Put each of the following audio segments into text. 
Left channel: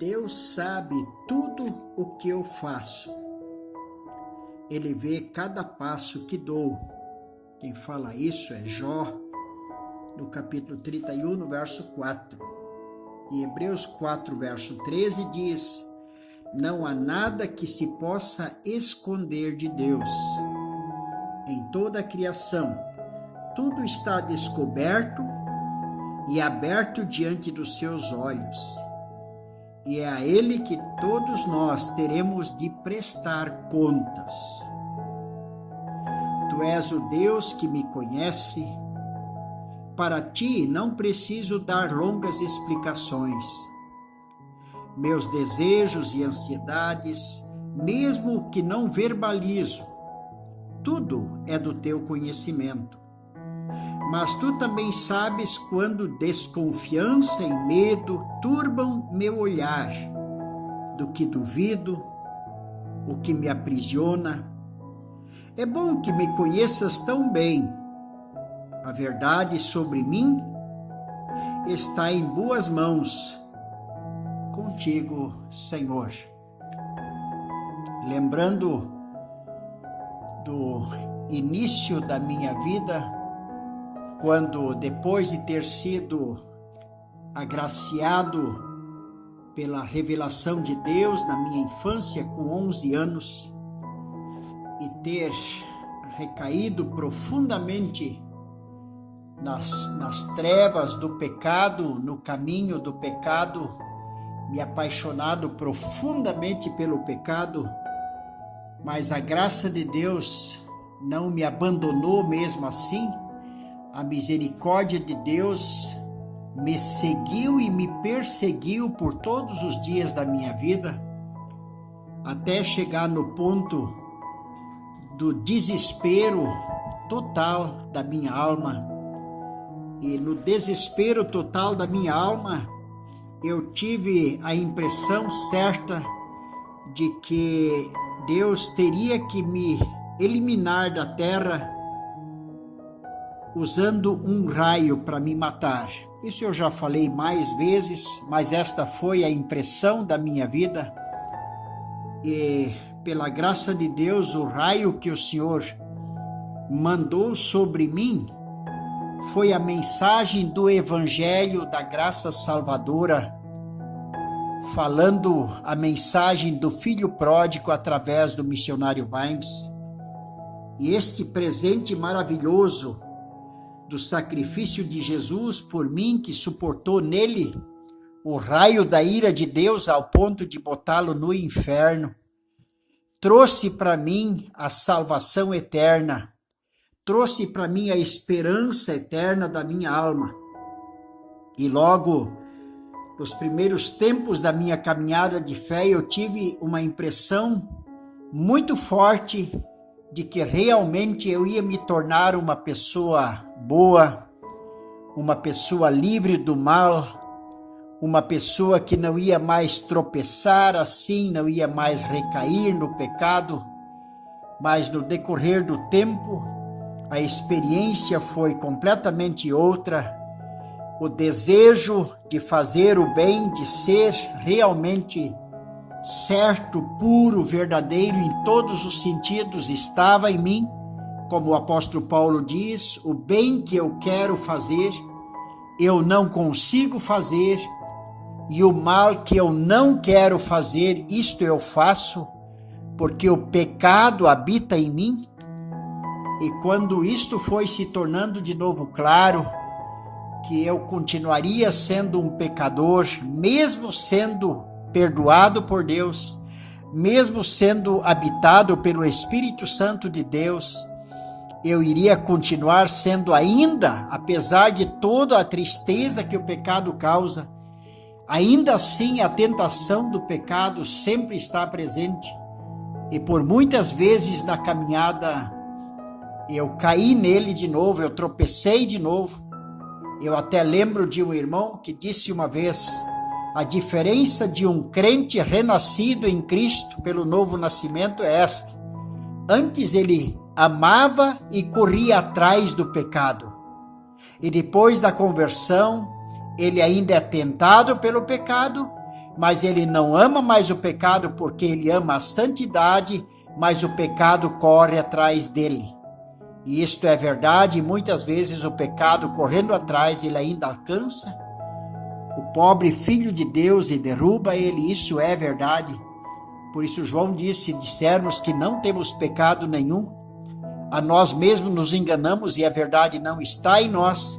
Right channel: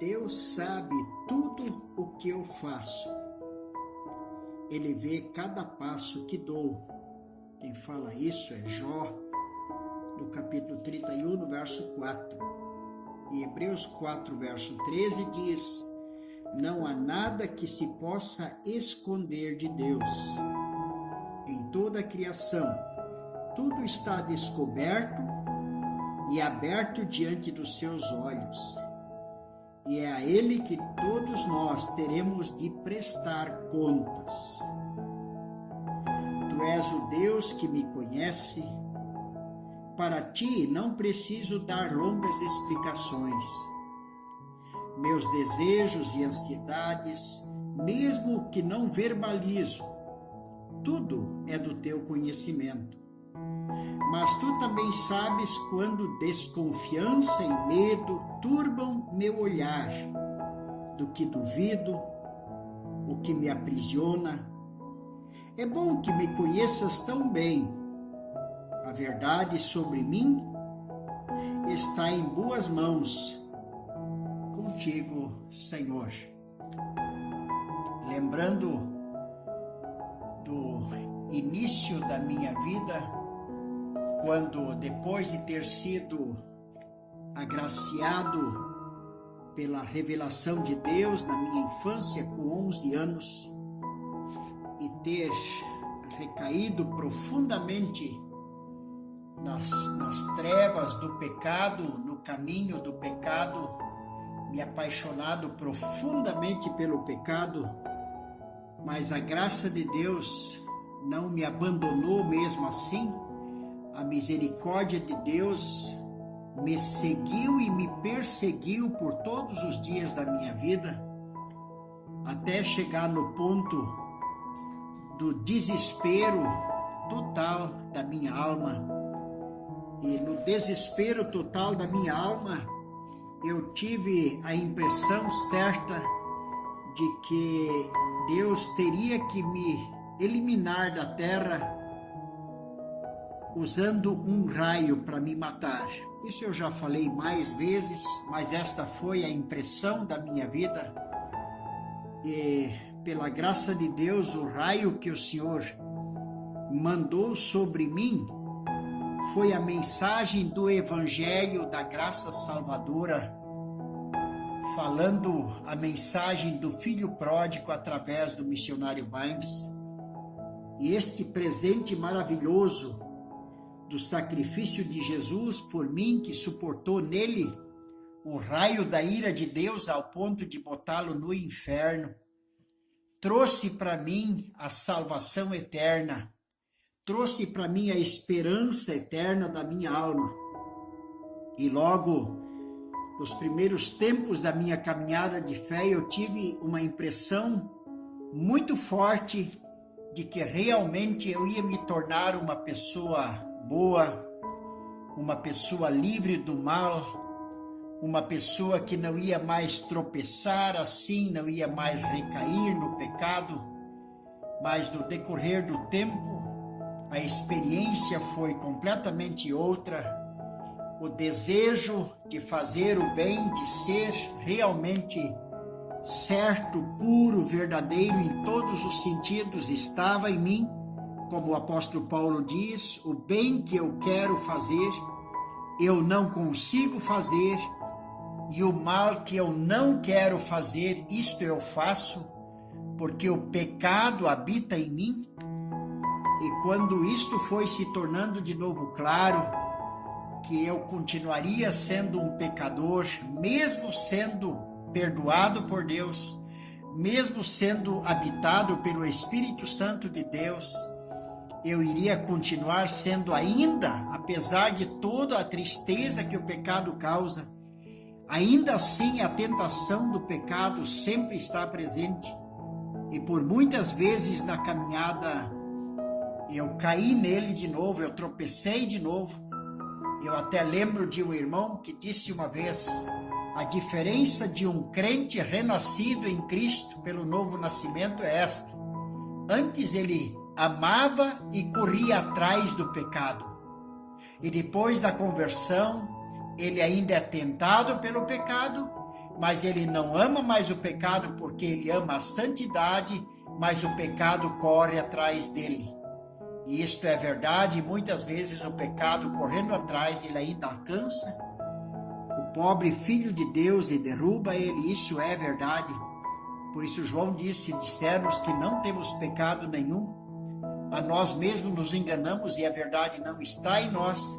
Deus sabe tudo o que eu faço. Ele vê cada passo que dou. Quem fala isso é Jó, no capítulo 31, no verso 4. E Hebreus 4, verso 13 diz: não há nada que se possa esconder de Deus. Em toda a criação, tudo está descoberto e aberto diante dos seus olhos. E é a Ele que todos nós teremos de prestar contas. Tu és o Deus que me conhece. Para ti não preciso dar longas explicações. Meus desejos e ansiedades, mesmo que não verbalizo, tudo é do teu conhecimento. Mas tu também sabes quando desconfiança e medo turbam meu olhar, do que duvido, o que me aprisiona. É bom que me conheças tão bem. A verdade sobre mim está em boas mãos. Contigo, Senhor. Lembrando do início da minha vida, quando depois de ter sido agraciado pela revelação de Deus na minha infância com 11 anos e ter recaído profundamente nas trevas do pecado, no caminho do pecado, me apaixonado profundamente pelo pecado, mas a graça de Deus não me abandonou mesmo assim. A misericórdia de Deus me seguiu e me perseguiu por todos os dias da minha vida, até chegar no ponto do desespero total da minha alma. E no desespero total da minha alma, eu tive a impressão certa de que Deus teria que me eliminar da terra usando um raio para me matar. Isso eu já falei mais vezes, mas esta foi a impressão da minha vida. E pela graça de Deus, o raio que o Senhor mandou sobre mim foi a mensagem do Evangelho da Graça Salvadora, falando a mensagem do Filho Pródigo através do missionário Vimes. E este presente maravilhoso do sacrifício de Jesus por mim, que suportou nele o raio da ira de Deus ao ponto de botá-lo no inferno, trouxe para mim a salvação eterna, trouxe para mim a esperança eterna da minha alma. E logo, nos primeiros tempos da minha caminhada de fé, eu tive uma impressão muito forte de que realmente eu ia me tornar uma pessoa boa, uma pessoa livre do mal, uma pessoa que não ia mais tropeçar assim, não ia mais recair no pecado. Mas no decorrer do tempo, a experiência foi completamente outra. O desejo de fazer o bem, de ser realmente certo, puro, verdadeiro em todos os sentidos estava em mim. Como o apóstolo Paulo diz, o bem que eu quero fazer, eu não consigo fazer, e o mal que eu não quero fazer, isto eu faço, porque o pecado habita em mim. E quando isto foi se tornando de novo claro, que eu continuaria sendo um pecador, mesmo sendo perdoado por Deus, mesmo sendo habitado pelo Espírito Santo de Deus, eu iria continuar sendo ainda, apesar de toda a tristeza que o pecado causa, ainda assim a tentação do pecado sempre está presente. E por muitas vezes na caminhada eu caí nele de novo, eu tropecei de novo. Eu até lembro de um irmão que disse uma vez: a diferença de um crente renascido em Cristo pelo novo nascimento é esta: antes ele amava e corria atrás do pecado, e depois da conversão ele ainda é tentado pelo pecado, mas ele não ama mais o pecado porque ele ama a santidade, mas o pecado corre atrás dele. E isto é verdade, e muitas vezes o pecado correndo atrás, ele ainda alcança o pobre filho de Deus e derruba ele, isso é verdade. Por isso João disse, se dissermos que não temos pecado nenhum, a nós mesmos nos enganamos e a verdade não está em nós.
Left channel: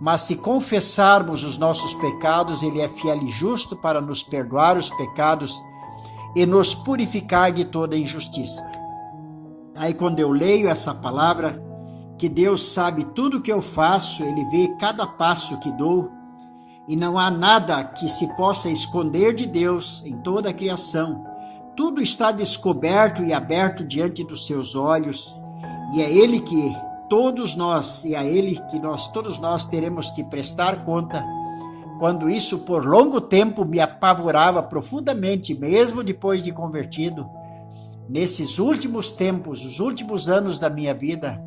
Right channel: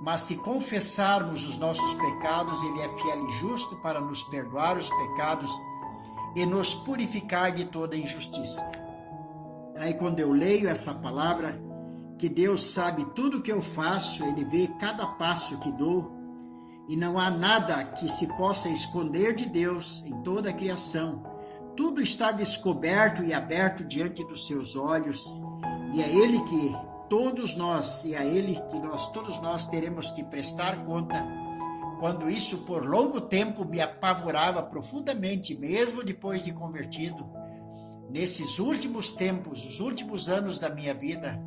Mas se confessarmos os nossos pecados, ele é fiel e justo para nos perdoar os pecados e nos purificar de toda injustiça. Aí quando eu leio essa palavra, que Deus sabe tudo que eu faço, ele vê cada passo que dou, e não há nada que se possa esconder de Deus em toda a criação. Tudo está descoberto e aberto diante dos seus olhos, e é ele que todos nós, e a ele que todos nós teremos que prestar conta. Quando isso por longo tempo me apavorava profundamente, mesmo depois de convertido, nesses últimos tempos, os últimos anos da minha vida,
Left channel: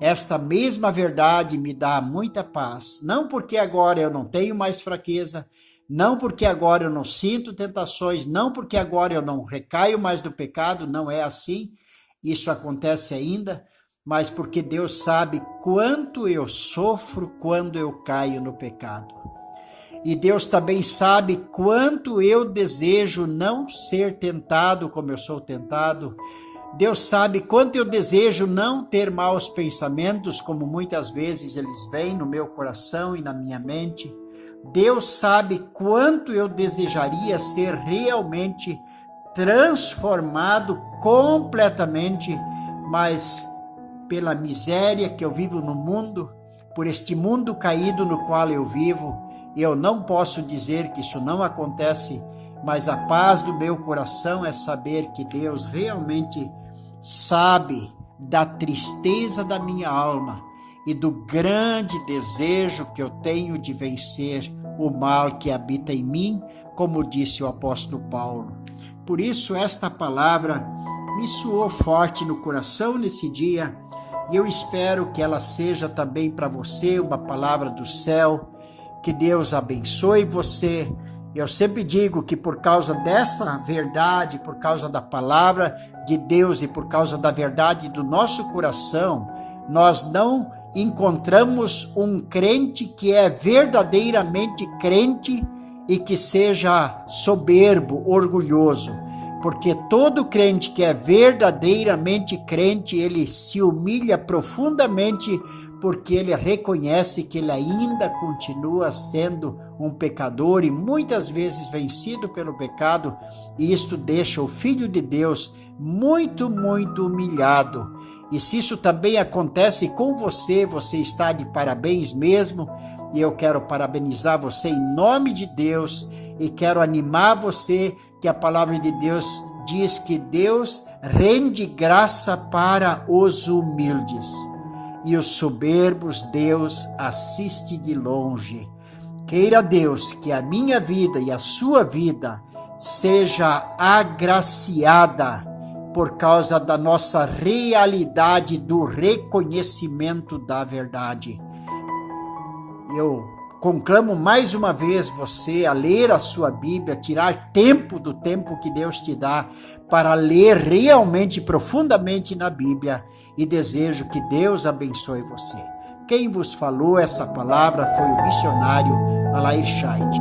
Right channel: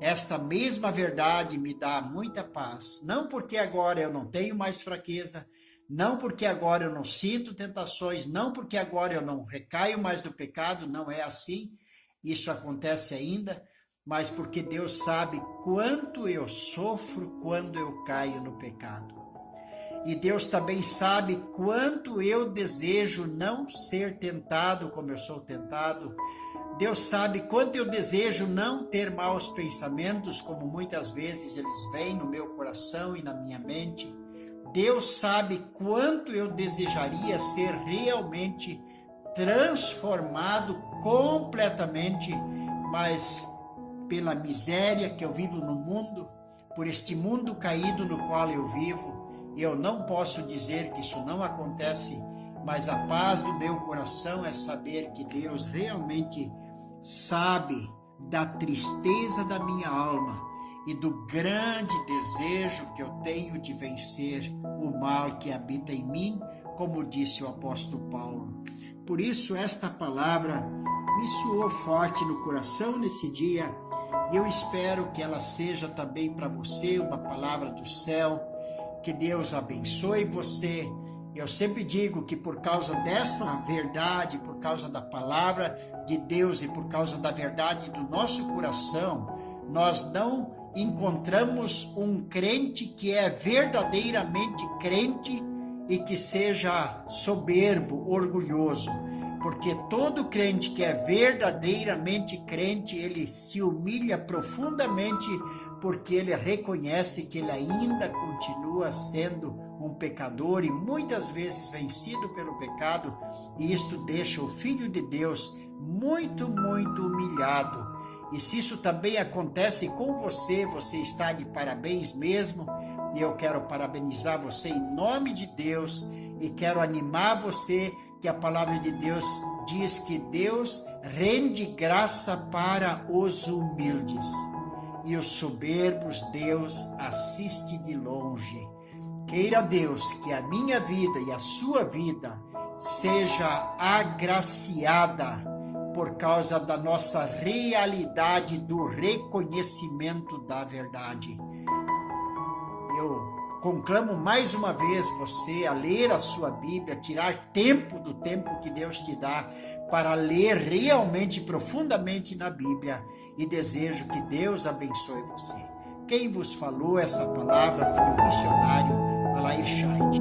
esta mesma verdade me dá muita paz. Não porque agora eu não tenho mais fraqueza, não porque agora eu não sinto tentações, não porque agora eu não recaio mais do pecado, não é assim, isso acontece ainda, mas porque Deus sabe quanto eu sofro quando eu caio no pecado. E Deus também sabe quanto eu desejo não ser tentado como eu sou tentado. Deus sabe quanto eu desejo não ter maus pensamentos, como muitas vezes eles vêm no meu coração e na minha mente. Deus sabe quanto eu desejaria ser realmente transformado completamente, mas pela miséria que eu vivo no mundo, por este mundo caído no qual eu vivo, eu não posso dizer que isso não acontece, mas a paz do meu coração é saber que Deus realmente sabe da tristeza da minha alma e do grande desejo que eu tenho de vencer o mal que habita em mim, como disse o apóstolo Paulo. Por isso esta palavra me soou forte no coração nesse dia, e eu espero que ela seja também para você uma palavra do céu. Que Deus abençoe você. Eu sempre digo que por causa dessa verdade, por causa da palavra de Deus e por causa da verdade do nosso coração, nós não encontramos um crente que é verdadeiramente crente e que seja soberbo, orgulhoso. Porque todo crente que é verdadeiramente crente, ele se humilha profundamente, porque ele reconhece que ele ainda continua sendo um pecador e muitas vezes vencido pelo pecado, e isto deixa o Filho de Deus muito, muito humilhado. E se isso também acontece com você, você está de parabéns mesmo, e eu quero parabenizar você em nome de Deus, e quero animar você que a palavra de Deus diz que Deus rende graça para os humildes, e os soberbos Deus assiste de longe. Queira Deus que a minha vida e a sua vida seja agraciada por causa da nossa realidade do reconhecimento da verdade. Eu conclamo mais uma vez você a ler a sua Bíblia, tirar tempo do tempo que Deus te dá para ler realmente profundamente na Bíblia, e desejo que Deus abençoe você. Quem vos falou essa palavra foi o missionário Alair Scheid.